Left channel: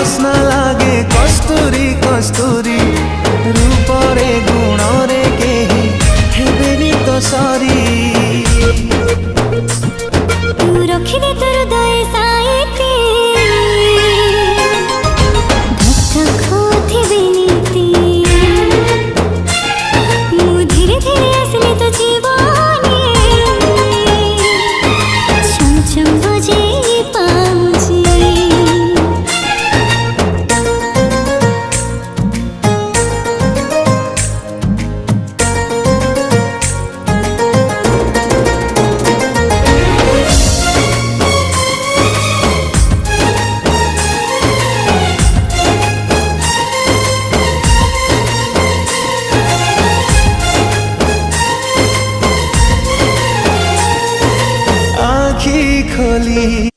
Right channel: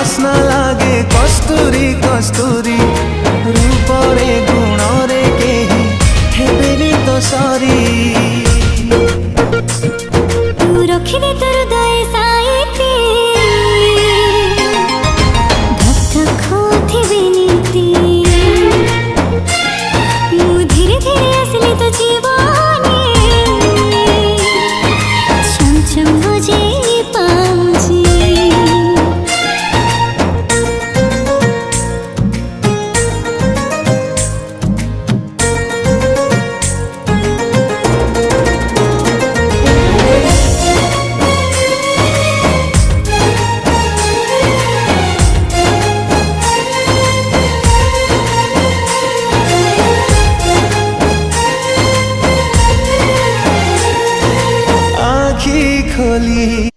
बास्ना लागे कस्तूरी कस्तूरी रूपरे गुणरे केही हेबेनी तो सरी तू रखिदे तोर हृदय साइती धक धक होथिबे नीति मु धीरे धीरे आसली तो जीवने छम छम बजे पाउची आँखी खोली